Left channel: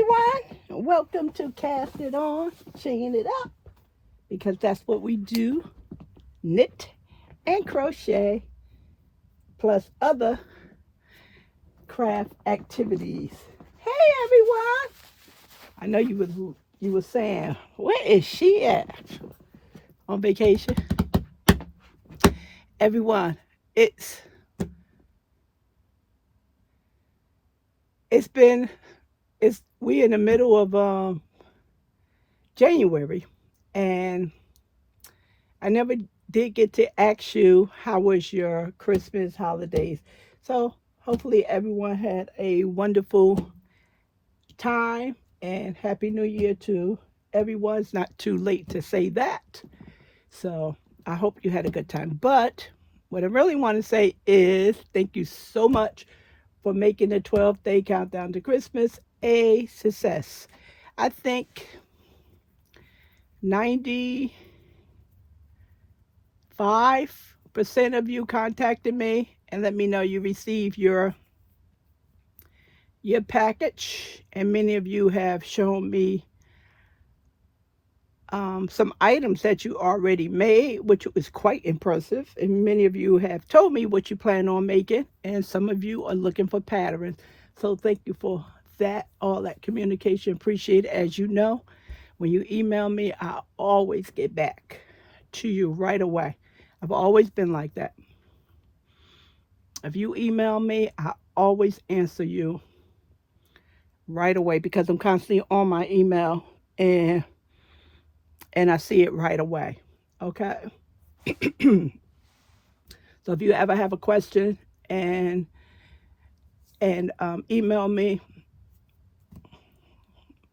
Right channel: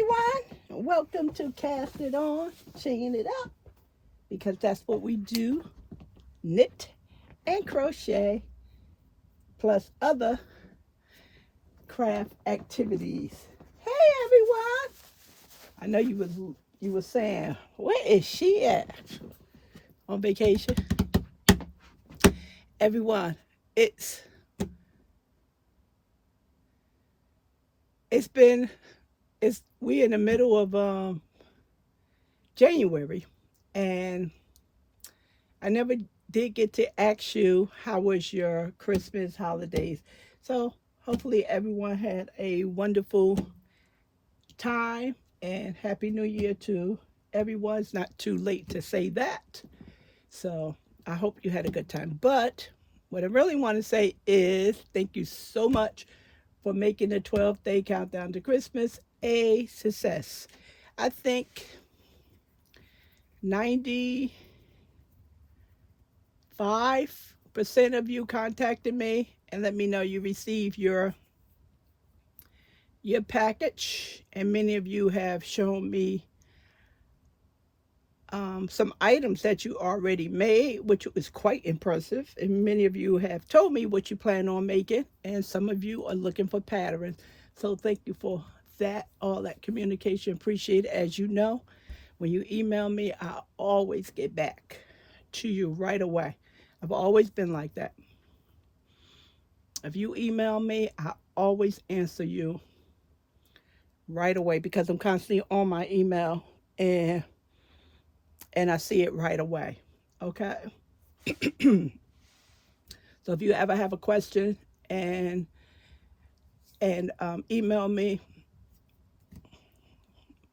everyone. Welcome to Cast It On, Chain It Up, because that's what we do, knit and crochet, plus other craft activities. Hey everyone. I know you were saying, where is she at? On vacation? Everyone, it's it's been it's we in the middle of January, and I never did get to ask you how was your Christmas holidays. So hopefully everyone had a wonderful time and Happy New Year to everyone. It's not too late to say that. So I hope you had a good time. But what I really want to say is thank you so much for making the 12-day countdown to Christmas a success. I think 95% of you contacted me and let me know you received your package, and many of you have shown me some items that you already made, which was quite impressive. And many of you have told me what you plan on making, and some of you are looking for patterns. So thank you for that, all that communication. Appreciate it. As you know, when you email me, I always get back to you right away. I've always been like that. If you email me, I always answer you right away because I'm constantly on my email and I see it right away. Okay. So if you ever have a question and email me,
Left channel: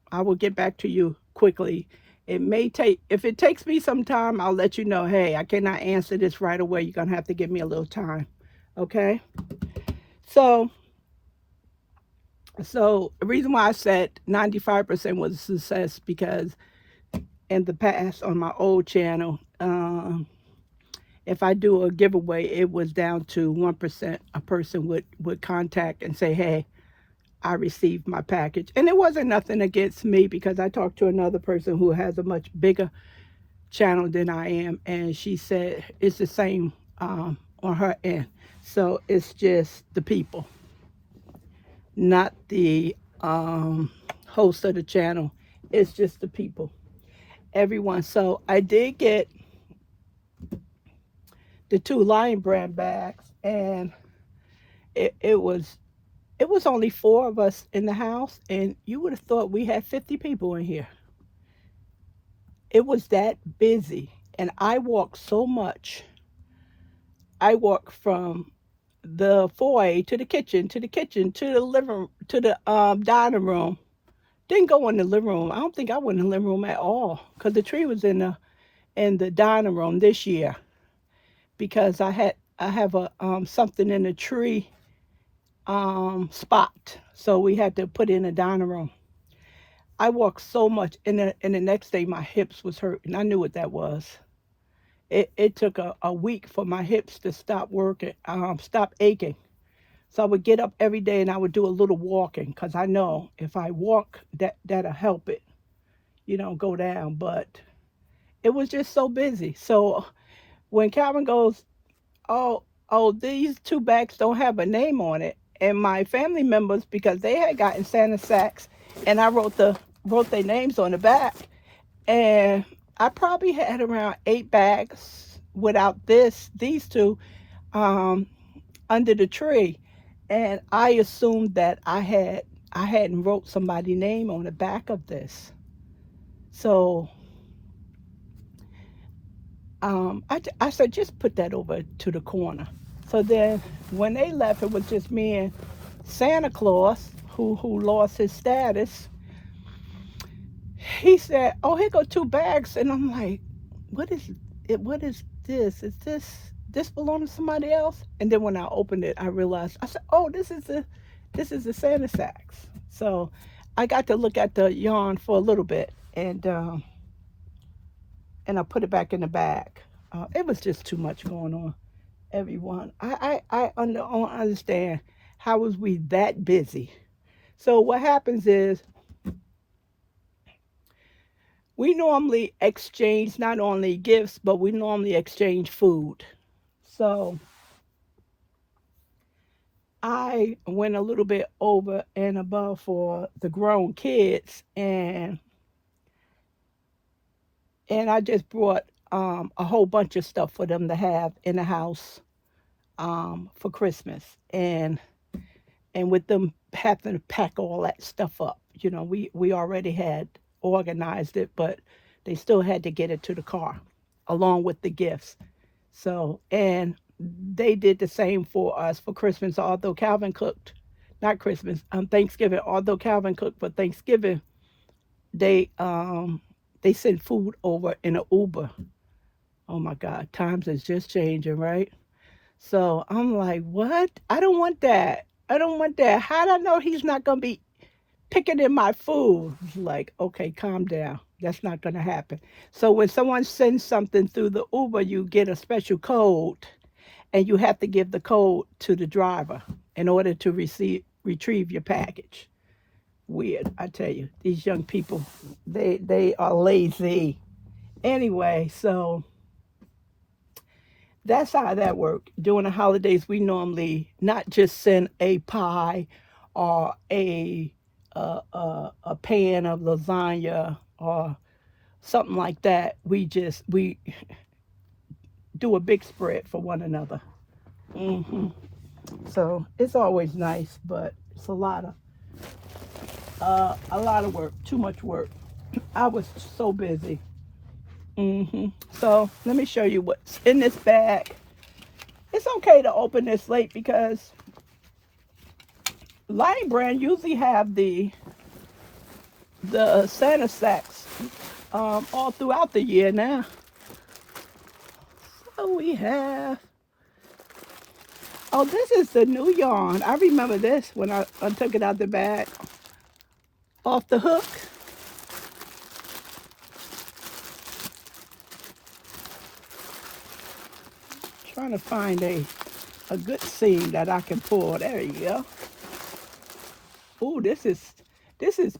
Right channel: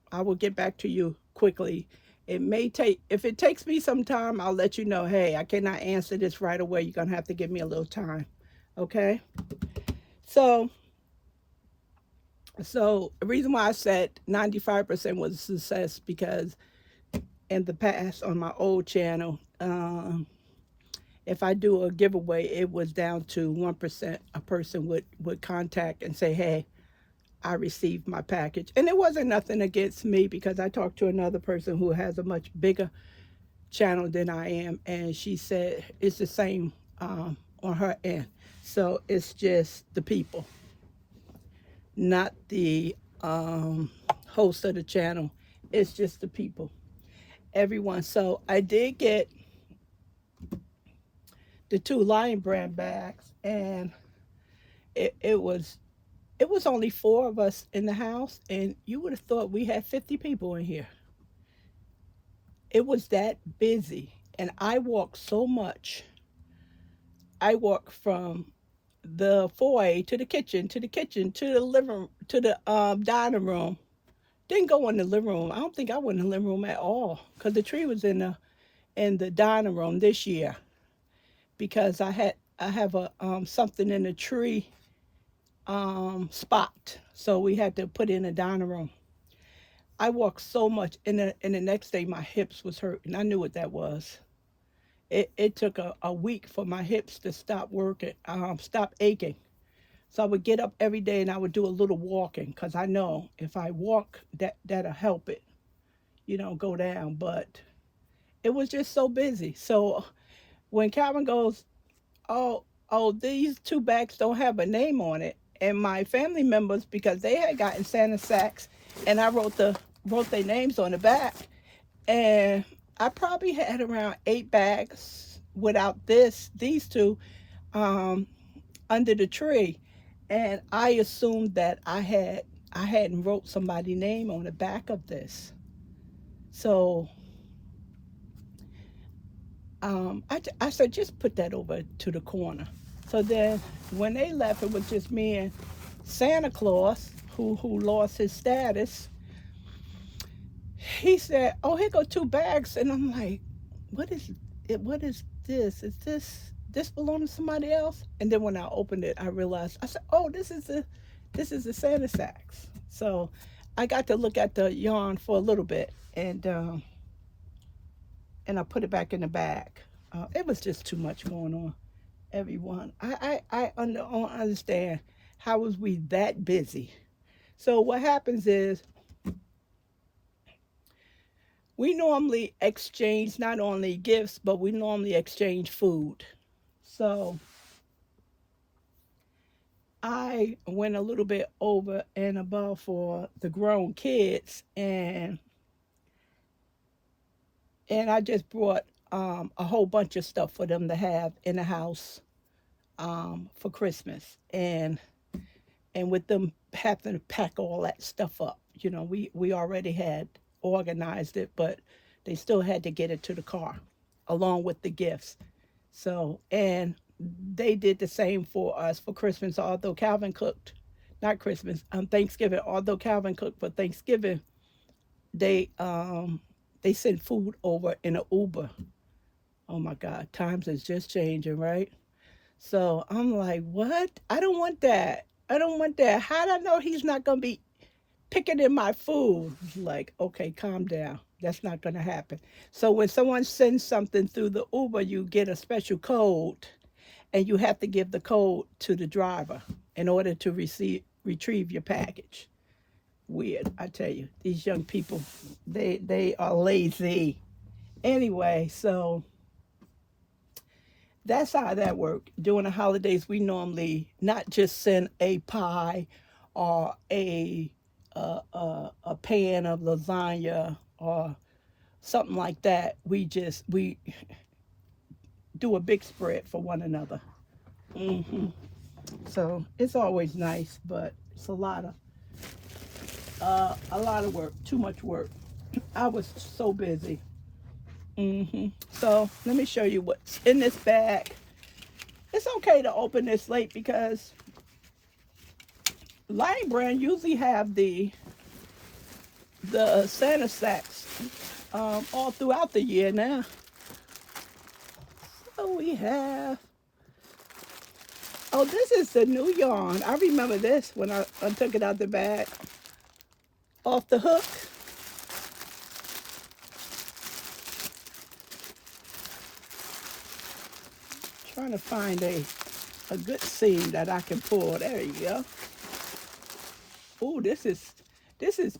I will get back to you quickly. It may take, if it takes me some time, I'll let you know, hey, I cannot answer this right away. You're going to have to give me a little time. Okay. So the reason why I said 95% was a success because in the past on my old channel, if I do a giveaway, it was down to 1%. A person would contact and say, hey, I received my package. And it wasn't nothing against me because I talked to another person who has a much bigger channel than I am. And she said it's the same on her end. So it's just the people, not the host of the channel. It's just the people, everyone. So I did get the 2 Lion Brand bags, and it was only 4 of us in the house, and you would have thought we had 50 people in here. It was that busy, and I walked so much. I walked from the foyer to the kitchen, to the kitchen, to the living, to the dining room. Didn't go in the living room. I don't think I went in the living room at all because the tree was in the dining room this year because I have a something in the tree spot, so we had to put in a dining room. I walked so much, and the next day my hips was hurting. I knew what that was. It took a week for my hips to stop working, stop aching. So I would get up every day and I would do a little walking because I know if I walk, that'll help it, go down. But it was just so busy. So when Calvin goes, these 2 bags don't have a name on it, and my family members, because they had gotten Santa sacks, and I wrote their names on the back, and I probably had around 8 bags without these 2 under the tree, and I assumed that I hadn't wrote somebody's name on the back of this. So I said, just put that over to the corner. So then when they left, it was just me and Santa Claus, who lost his status. He said, oh, here go 2 bags. And I'm like, what is it? What is this? Is this belong to somebody else? And then when I opened it, I realized, I said, oh, this is the Santa sacks. So I got to look at the yarn for a little bit, and I put it back in the bag. It was just too much going on, everyone. I don't understand how was we that busy. So what happens is We normally exchange not only gifts, but we normally exchange food. So I went a little bit over and above for the grown kids, and I just brought a whole bunch of stuff for them to have in the house for Christmas, and with them having to pack all that stuff up, we already had organized it, but they still had to get it to the car along with the gifts. So, and they did the same for us for Christmas, although Calvin cooked, not Christmas, Thanksgiving, although Calvin cooked for Thanksgiving, they they sent food over in an Uber. Oh my God, times is just changing, right? So I'm like, what? I don't want that. I don't want that. How do I know he's not gonna be picking in my food? He's like, okay, calm down. That's not gonna happen. So when someone sends something through the Uber, you get a special code, and you have to give the code to the driver in order to retrieve your package. Weird, I tell you. These young people, they are lazy. Anyway, so that's how that worked. During the holidays, we normally not just send a pie or a pan of lasagna or something like that. We do a big spread for one another. hmm So it's always nice, but it's a lot of work, too much work. I was so busy. So let me show you what's in this bag. It's okay to open this late because Lion Brand usually have the Santa sacks all throughout the year now. So we have. Oh, this is the new yarn. I remember this when I took it out the bag. Off the hook. Trying to find a good seam that I can pull. There you go. Oh, this is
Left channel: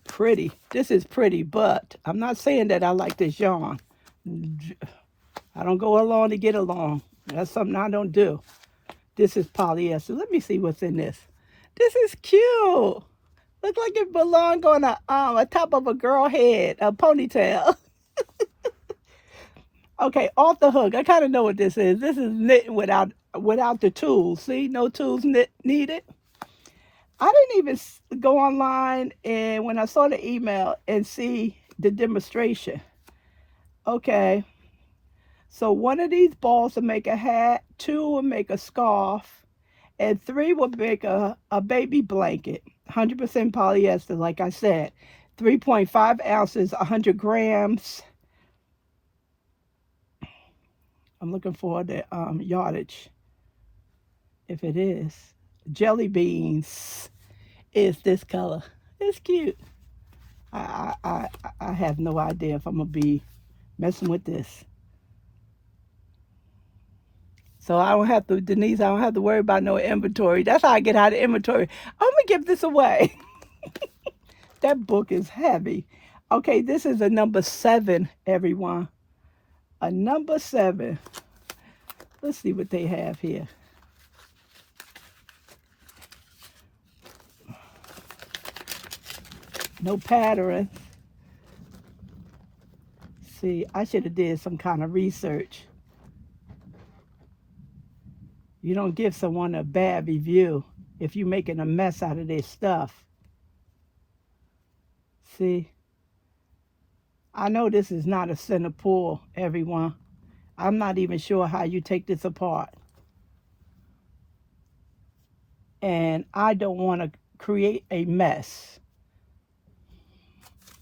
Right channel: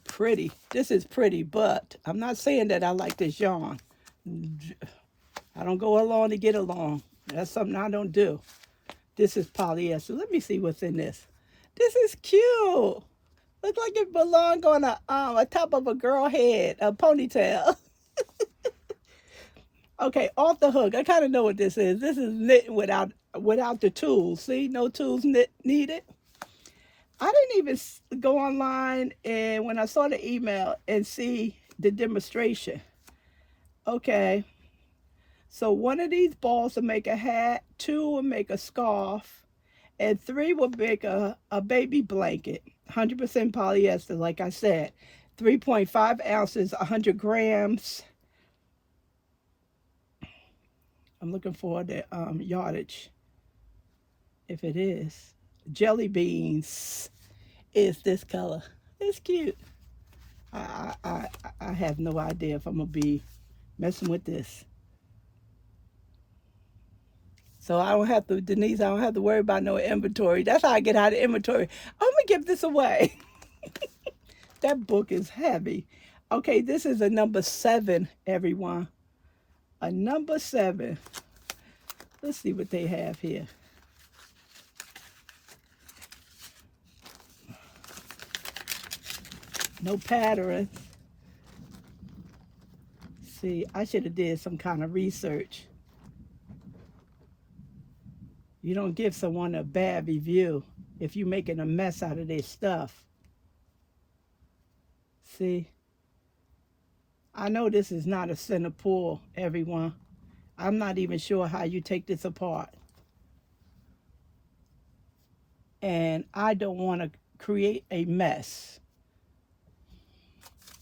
pretty. This is pretty, but I'm not saying that I like this yarn. I don't go along to get along. That's something I don't do. This is polyester. Let me see what's in this. This is cute. Looks like it belonged on a top of a girl head, a ponytail. Okay, off the hook. I kind of know what this is. This is knitting without the tools. See, no tools needed. I didn't even go online and when I saw the email and see the demonstration. Okay, so one of these balls will make a hat, two will make a scarf, and three will make a baby blanket. 100% polyester, like I said. 3.5 ounces, 100 grams. I'm looking for the yardage, if it is. Jelly beans is this color. It's cute. I have no idea if I'm going to be messing with this. So I don't have to, Denise, I don't have to worry about no inventory. That's how I get out of inventory. I'm going to give this away. That book is heavy. Okay, this is a number 7, everyone. A number 7. Let's see what they have here. No patterns. See, I should have did some kind of research. You don't give someone a bad review if you're making a mess out of their stuff. See, I know this is not a center pull, everyone. I'm not even sure how you take this apart. And I don't want to create a mess.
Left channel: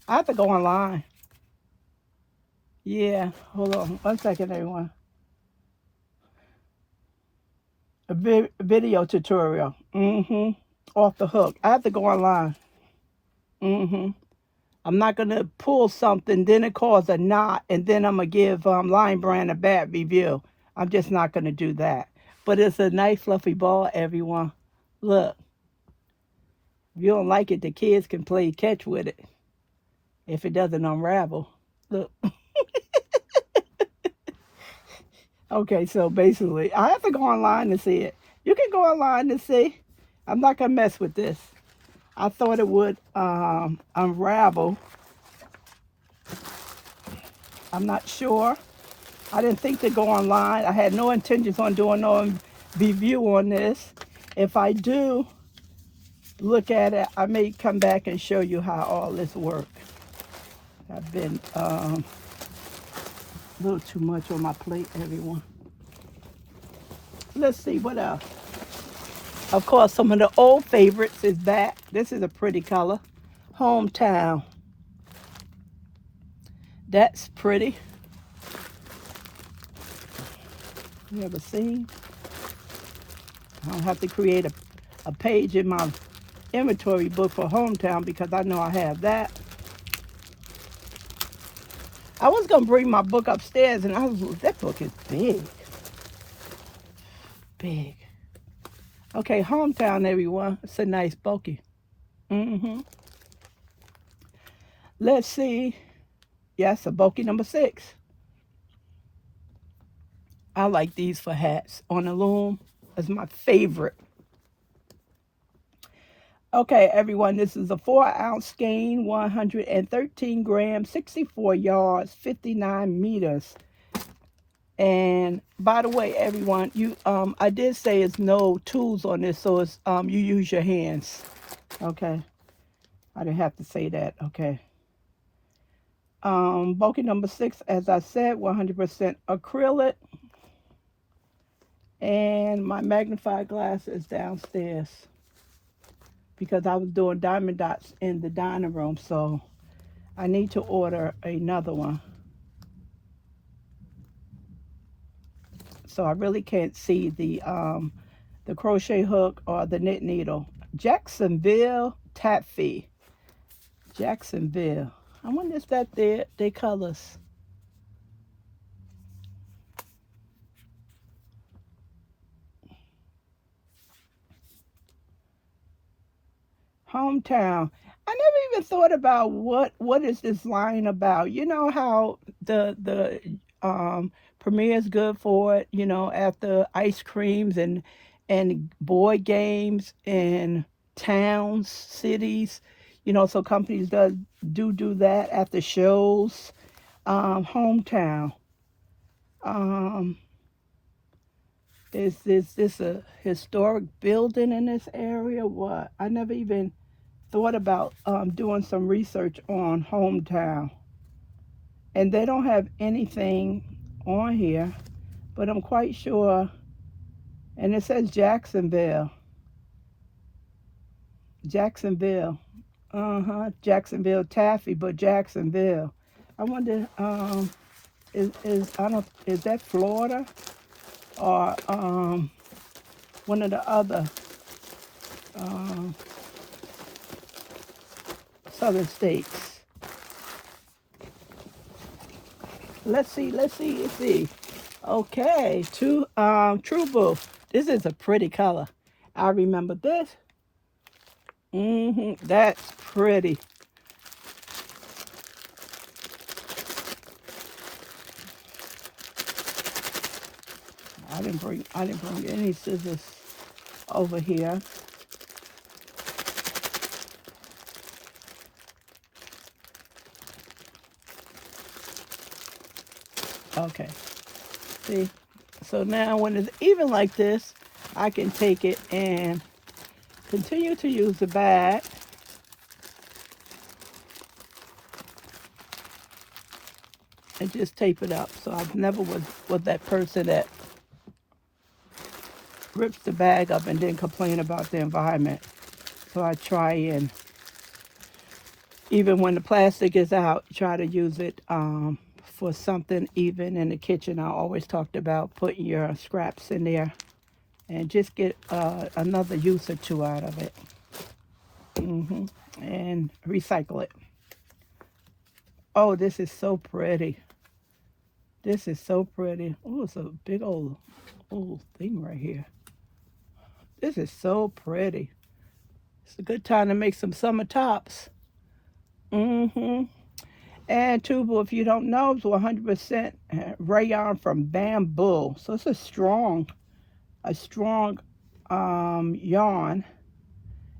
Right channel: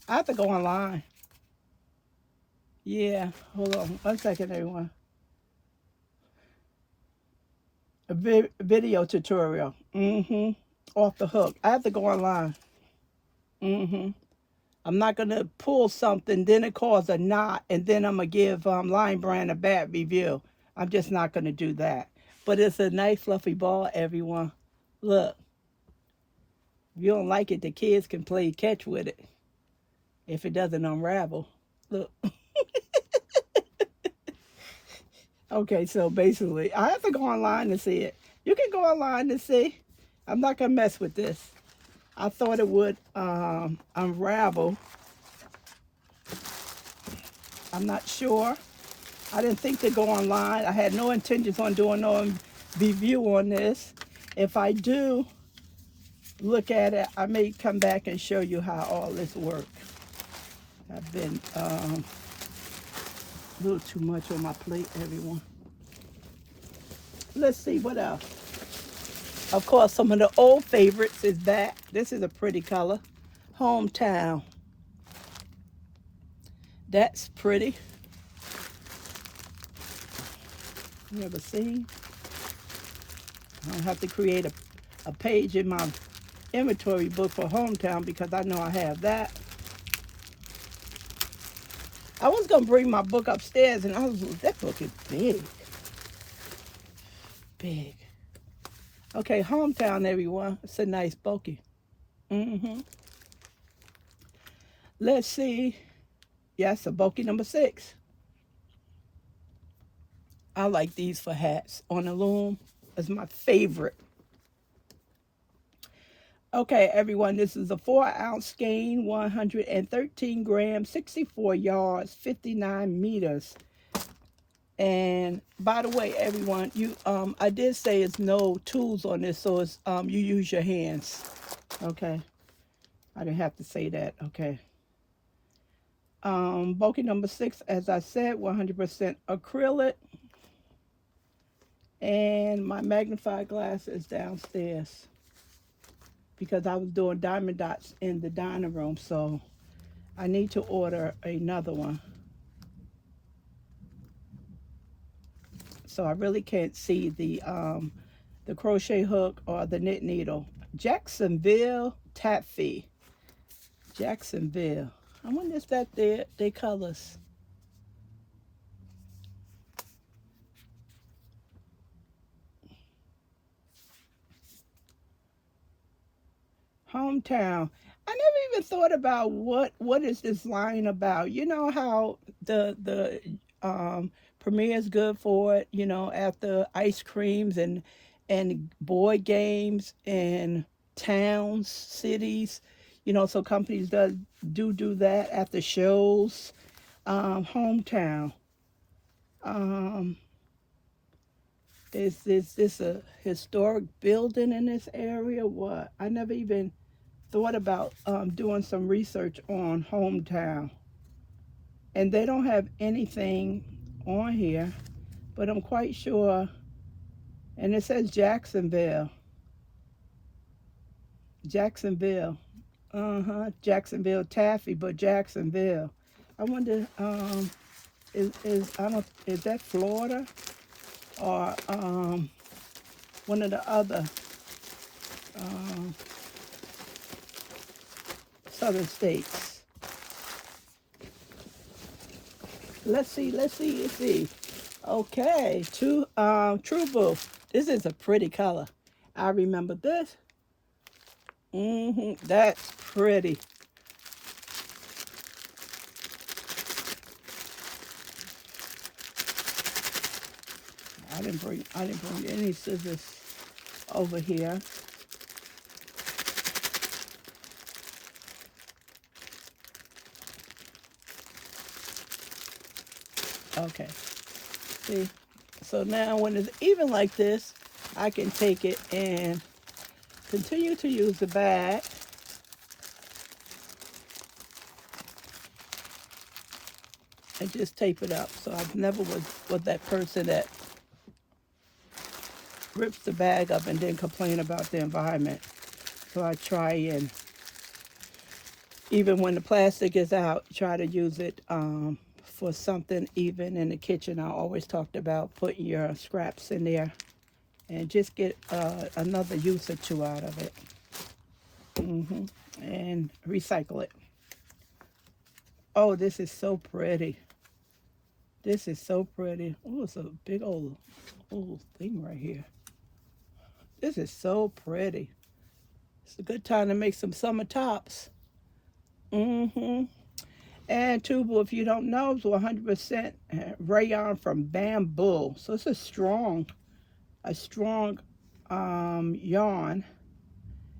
I have to go online. Yeah, hold on 1 second, everyone. A video tutorial. Off the hook. I have to go online. I'm not going to pull something, then it cause a knot, and then I'm going to give Lion Brand a bad review. I'm just not going to do that. But it's a nice fluffy ball, everyone. Look. If you don't like it, the kids can play catch with it if it doesn't unravel. Look. Okay, so basically, I have to go online to see it. You can go online to see. I'm not gonna mess with this. I thought it would unravel. I'm not sure. I didn't think to go online. I had no intentions on doing no review on this. If I do look at it, I may come back and show you how all this works. I've been a little too much on my plate, everyone. Let's see what else. Of course, some of the old favorites is back. This is a pretty color. Hometown. That's pretty. You ever seen? I don't have to create a page in my inventory book for Hometown because I know I have that. I was gonna bring my book upstairs and that book is big. Big. Okay, Hometown, everyone. It's a nice bulky. Let's see. Yes, a bulky number 6. I like these for hats on the loom. That's my favorite. Okay, everyone, this is a 4-ounce skein, 113 grams, 64 yards, 59 meters. And by the way, everyone, I did say it's no tools on this, so it's you use your hands. Okay, I didn't have to say that. Okay. Bulky number 6, as I said, 100% acrylic. And my magnifying glass is downstairs because I was doing diamond dots in the dining room, so I need to order another one. So I really can't see the crochet hook or the knit needle. Jacksonville Taffy. Jacksonville. I wonder if that their colors. Hometown. I never even thought about what is this line about. You know how the premiere is good for it. You know, after ice creams and board games in towns, cities. You know, so companies do that after shows. Hometown. Um, is this a historic building in this area? What? I never even thought about doing some research on Hometown. And they don't have anything on here, but I'm quite sure. And it says Jacksonville. Jacksonville. Jacksonville Taffy, but Jacksonville. I wonder, is that Florida or one of the other southern states? Let's see. Okay, True Blue. This is a pretty color. I remember this. That's pretty. I didn't bring any scissors over here. Okay. See? So now when it's even like this, I can take it and continue to use the bag. And just tape it up. So I've never was that person that rips the bag up and then complain about the environment. So I try and, even when the plastic is out, try to use it for something. Even in the kitchen, I always talked about putting your scraps in there and just get another use or two out of it. And recycle it. Oh, this is so pretty. This is so pretty. Oh, it's a big old thing right here. This is so pretty. It's a good time to make some summer tops. And tubu, if you don't know, is 100% rayon from bamboo. So it's a strong yarn.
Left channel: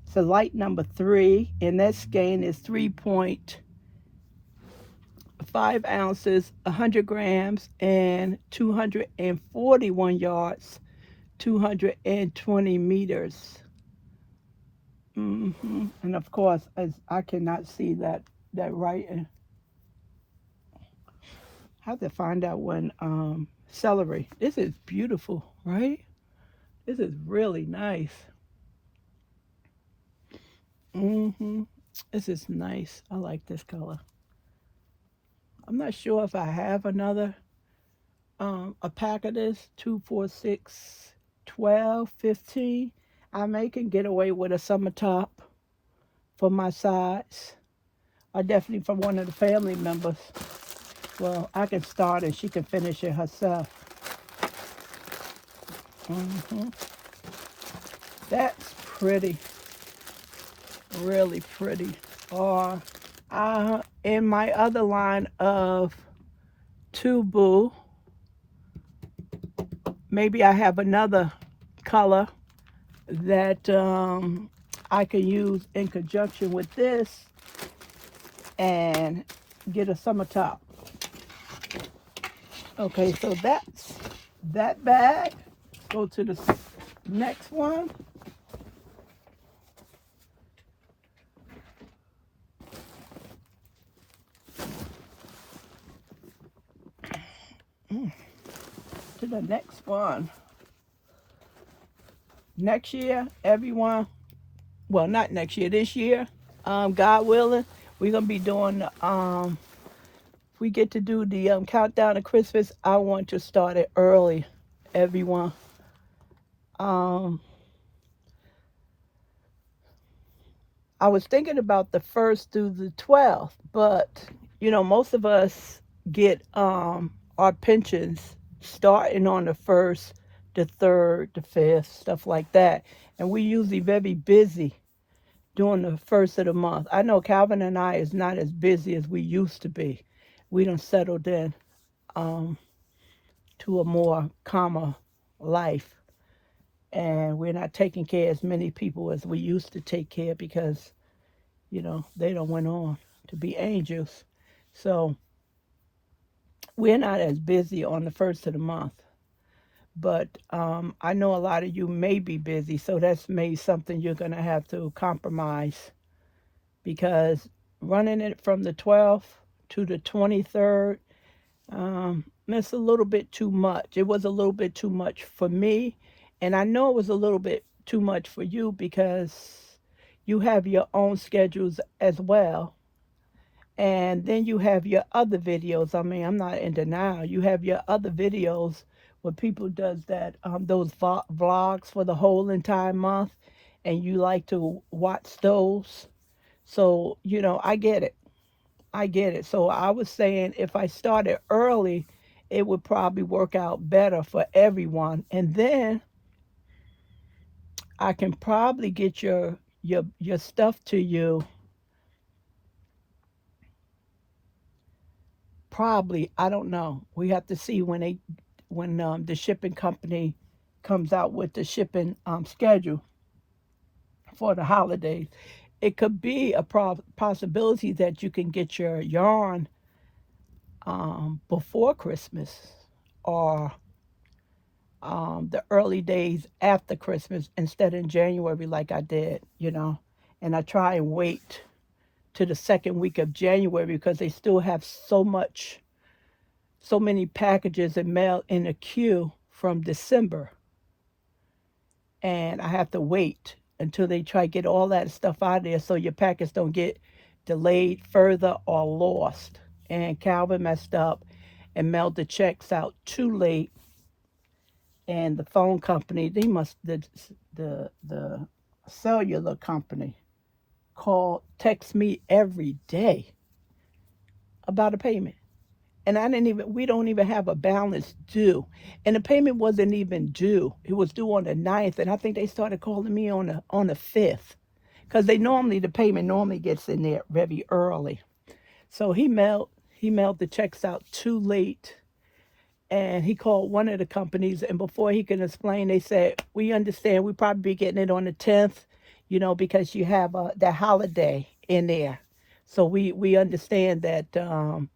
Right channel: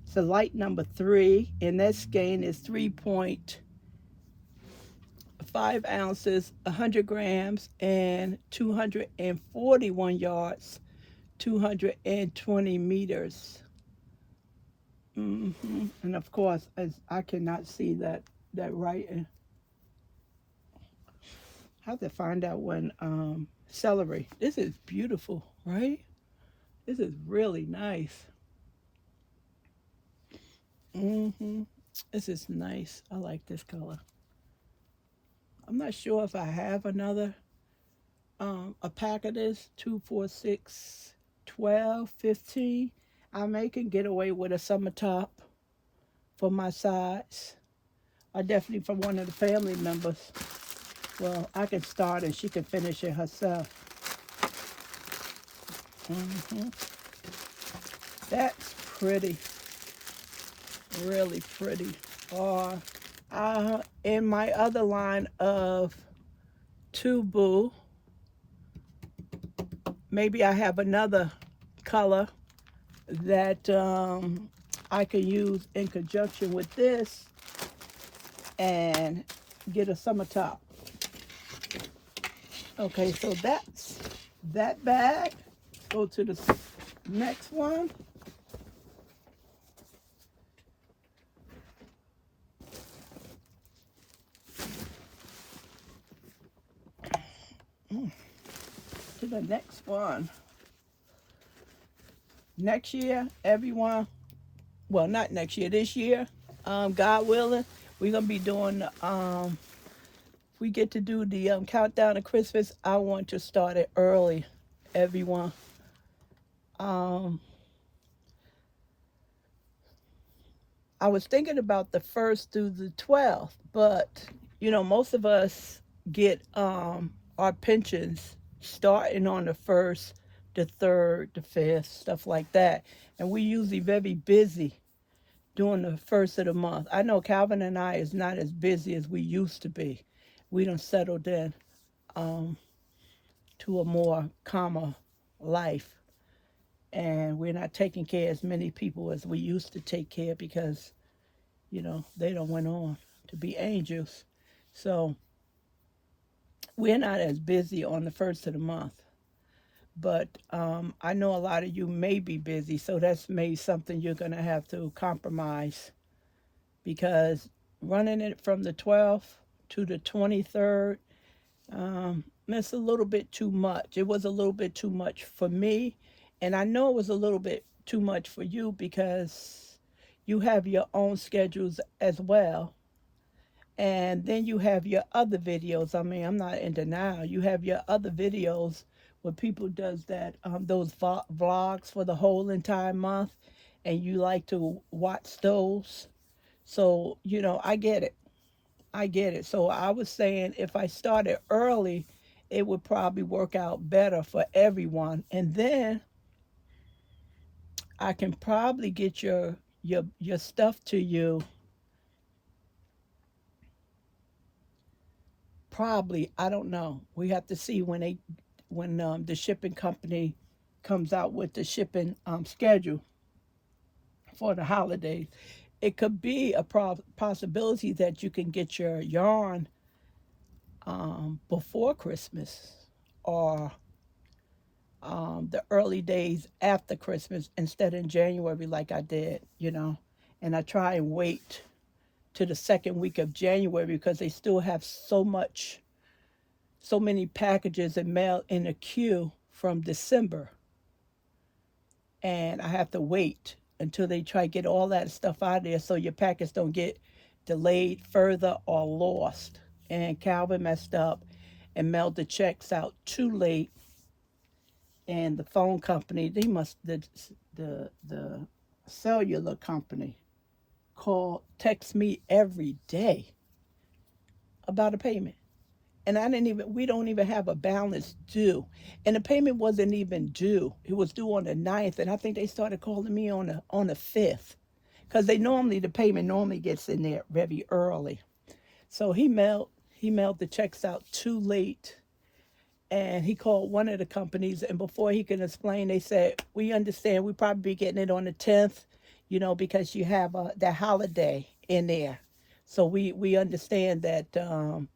It's a light number 3, and that skein is 3.5 ounces, 100 grams, and 241 yards, 220 meters. And of course, as I cannot see that writing. I have to find out when celery. This is beautiful, right? This is really nice. hmm This is nice. I like this color. I'm not sure if I have another a pack of this 2, 4, 6, 12, 15. I may can get away with a summer top for my sides. Or definitely for one of the family members. Well, I can start and she can finish it herself. hmm That's pretty. Really pretty. Or in my other line of tubu, maybe I have another color that I can use in conjunction with this and get a summer top. Okay, so that's that bag. Go to the next one. To the next one. Next year, everyone, well, not next year, this year, God willing, we're going to be doing, we get to do the countdown to Christmas. I want to start it early, everyone. Um, I was thinking about the 1st through the 12th, but, most of us get our pensions starting on the 1st, the 3rd, the 5th, stuff like that. And we usually very busy during the 1st of the month. I know Calvin and I is not as busy as we used to be. We done settled in to a more calmer life. And we're not taking care of as many people as we used to take care because, they don't went on to be angels. So we're not as busy on the 1st of the month. But I know a lot of you may be busy, so that's maybe something you're going to have to compromise because running it from the 12th to the 23rd, it's a little bit too much. It was a little bit too much for me, and I know it was a little bit too much for you because you have your own schedules as well. And then you have your other videos. I mean, I'm not in denial. You have your other videos where people does that those vlogs for the whole entire month, and you like to watch those. So, I get it. I get it. So I was saying if I started early, it would probably work out better for everyone. And then I can probably get your stuff to you. Probably, I don't know. We have to see when the shipping company comes out with the shipping schedule for the holidays. It could be a possibility that you can get your yarn before Christmas or the early days after Christmas instead in January like I did, And I try and wait to the second week of January because they still have so many packages and mail in the queue from December. And I have to wait until they try to get all that stuff out of there so your packets don't get delayed further or lost. And Calvin messed up and mailed the checks out too late. And the phone company, the cellular company text me every day about a payment. And we don't even have a balance due. And the payment wasn't even due. It was due on the 9th. And I think they started calling me on the 5th. Because the payment normally gets in there very early. So he mailed He mailed the checks out too late, and he called one of the companies, and before he can explain, they said, we understand we probably be getting it on the 10th, because you have that holiday in there. So we understand that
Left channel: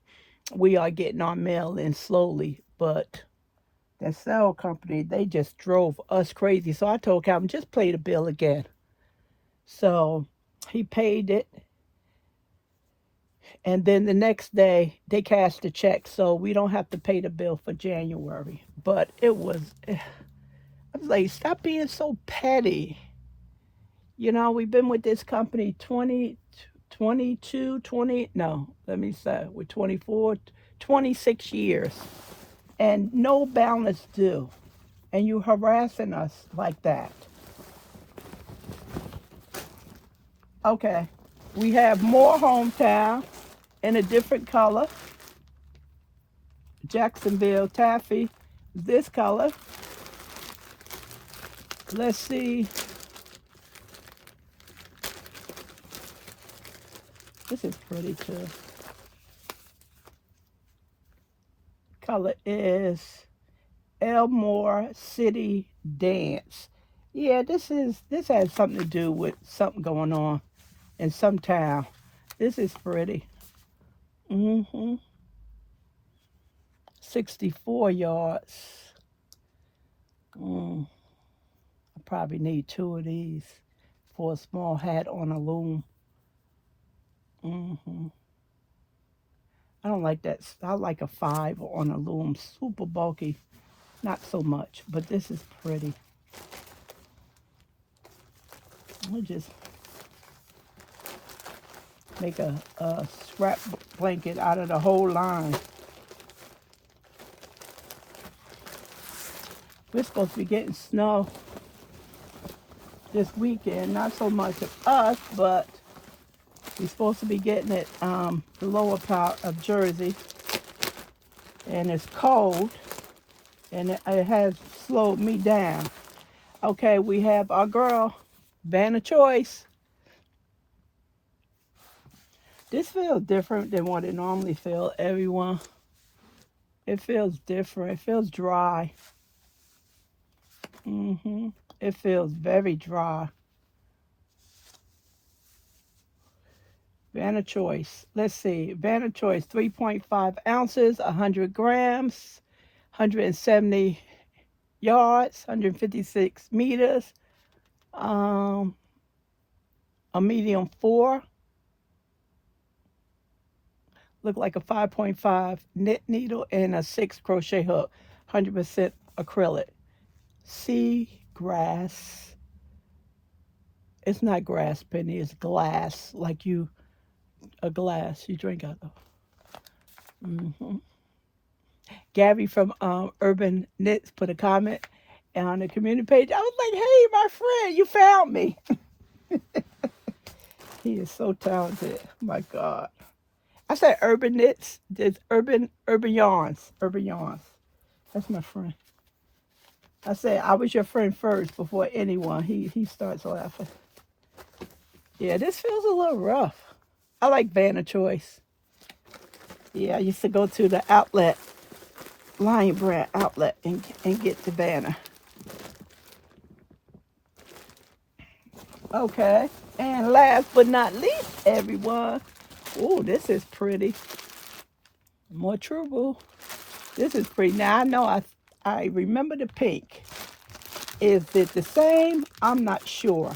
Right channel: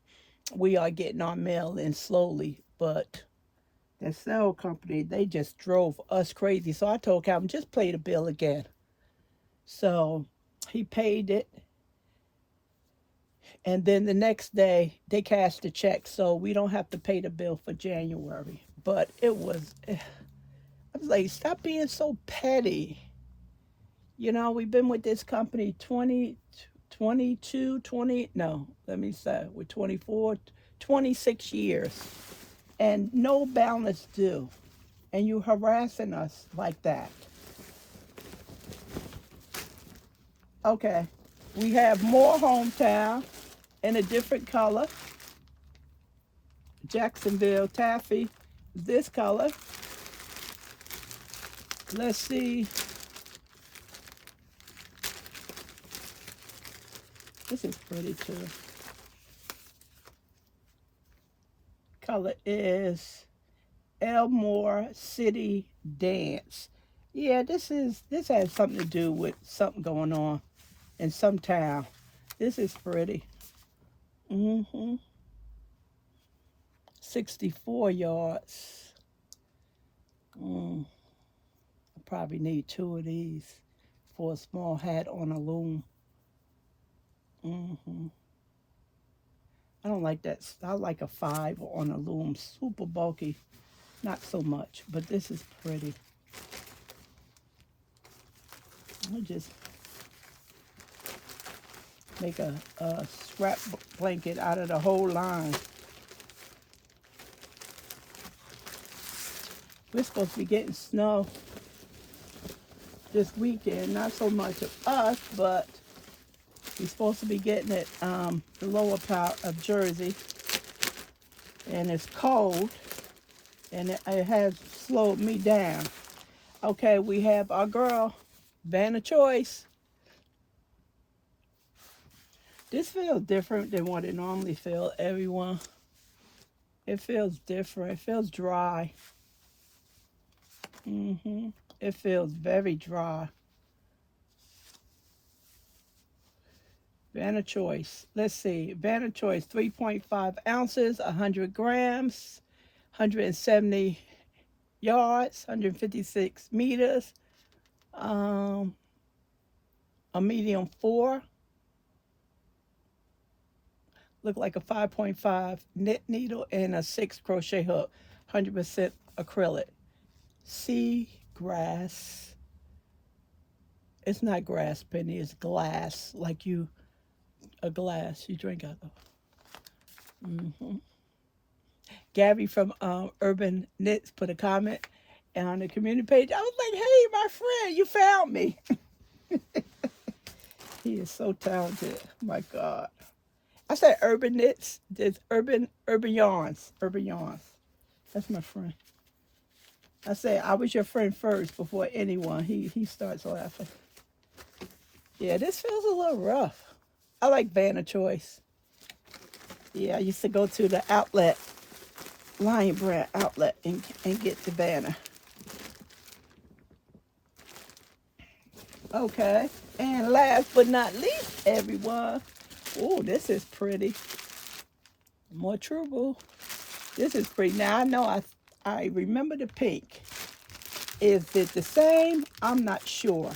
we are getting our mail in slowly, but the cell company, they just drove us crazy. So I told Calvin, just pay the bill again. So he paid it, and then the next day they cashed the check, so we don't have to pay the bill for January. But I was like, stop being so petty. We've been with this company 20, 22, 20, no, let me say, we're 24, 26 years, and no balance due. And you harassing us like that. Okay, we have more hometown in a different color. Jacksonville taffy, this color. Let's see. This is pretty too. Color is Elmore City Dance. Yeah, this has something to do with something going on in some town. This is pretty. 64 yards. I probably need two of these for a small hat on a loom. I don't like that. I like a 5 on a loom. Super bulky. Not so much, but this is pretty. I'll just make a scrap blanket out of the whole line. We're supposed to be getting snow this weekend. Not so much of us, but we're supposed to be getting it the lower part of Jersey. And it's cold, and it has slowed me down. Okay, we have our girl, Vanna Choice. This feels different than what it normally feels, everyone. It feels different. It feels dry. It feels very dry. Vanna Choice. Let's see. Vanna Choice, 3.5 ounces, 100 grams, 170 yards, 156 meters. A medium 4. Look like a 5.5 knit needle and a 6 crochet hook. 100% acrylic. Sea grass. It's not grass, Penny. It's glass. Like a glass you drink out of. Gabby from Urban Knits put a comment on the community page. I was like, hey, my friend, you found me. He is so talented. My God. I said Urban Knits. There's Urban Yarns. Urban Yarns. That's my friend. I said I was your friend first before anyone. He starts laughing. Yeah, this feels a little rough. I like Vanna Choice. Yeah, I used to go to the outlet, Lion Brand outlet, and get the Vanna. Okay, and last but not least, everyone. Oh, this is pretty. More True. This is pretty. Now I know I remember the pink. Is it the same? I'm not sure.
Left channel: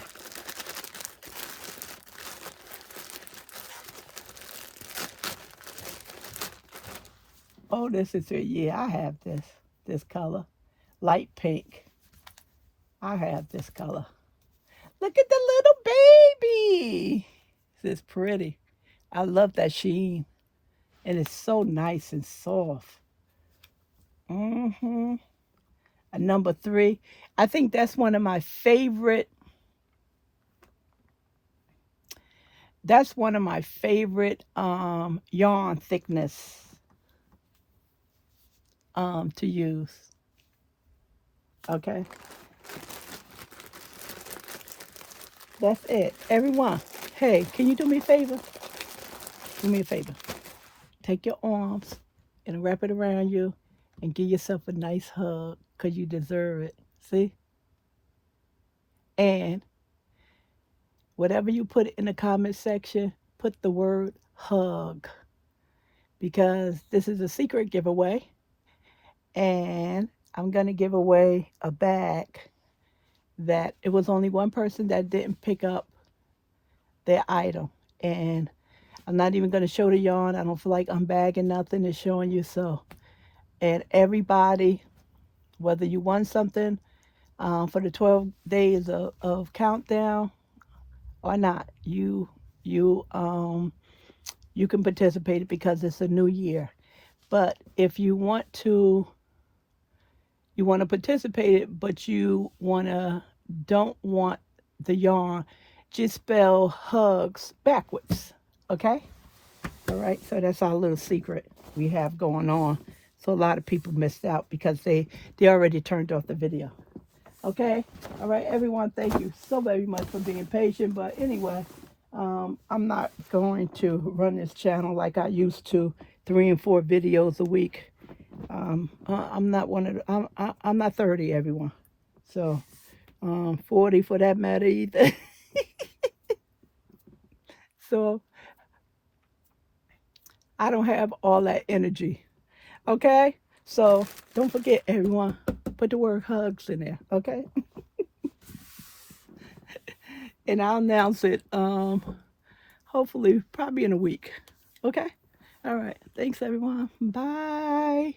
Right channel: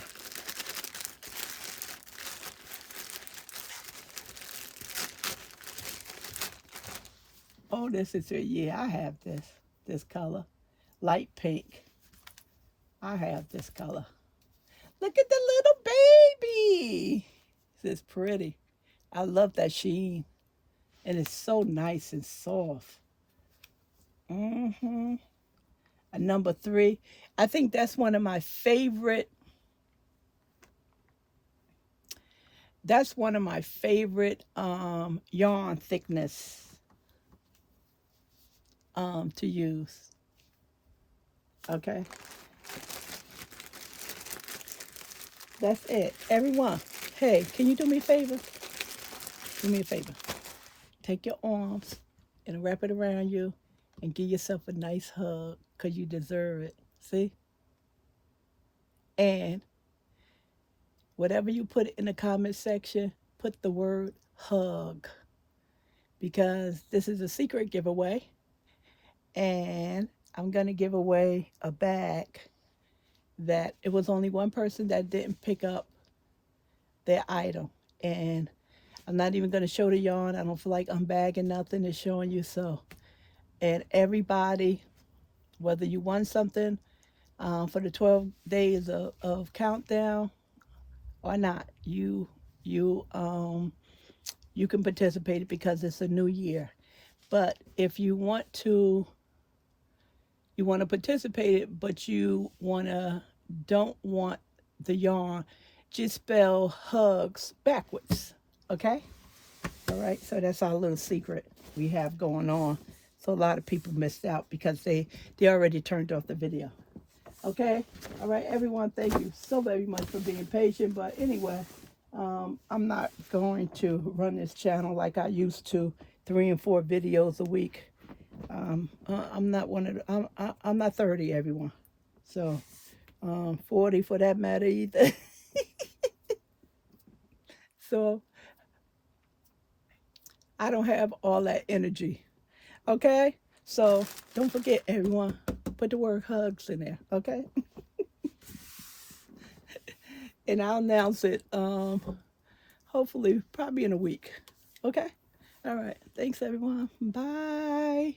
Oh, this is it. Yeah, I have this color. Light pink. I have this color. Look at the little baby. This is pretty. I love that sheen. And it's so nice and soft. A number 3. I think that's one of my favorite. That's one of my favorite yarn thickness to use. Okay. That's it. Everyone, hey, can you do me a favor? Do me a favor. take your arms and wrap it around you and give yourself a nice hug because you deserve it. See? And whatever you put in the comment section, put the word hug because this is a secret giveaway. And I'm going to give away a bag that it was only one person that didn't pick up their item. And I'm not even going to show the yarn. I don't feel like unbagging nothing. It's showing you so. And everybody, whether you won something for the 12 days of countdown or not, you you can participate because it's a new year. But if you want to participate it, but you don't want the yarn, just spell hugs backwards. Okay? All right, so that's our little secret we have going on. So a lot of people missed out because they already turned off the video. Okay? All right, everyone, thank you so very much for being patient. But anyway, I'm not going to run this channel like I used to, 3 and 4 videos a week. I'm not one of the, I'm not 30, everyone. So 40 for that matter either. So I don't have all that energy. Okay? So don't forget, everyone, put the word hugs in there. Okay? And I'll announce it hopefully probably in a week. Okay? All right. Thanks, everyone. Bye.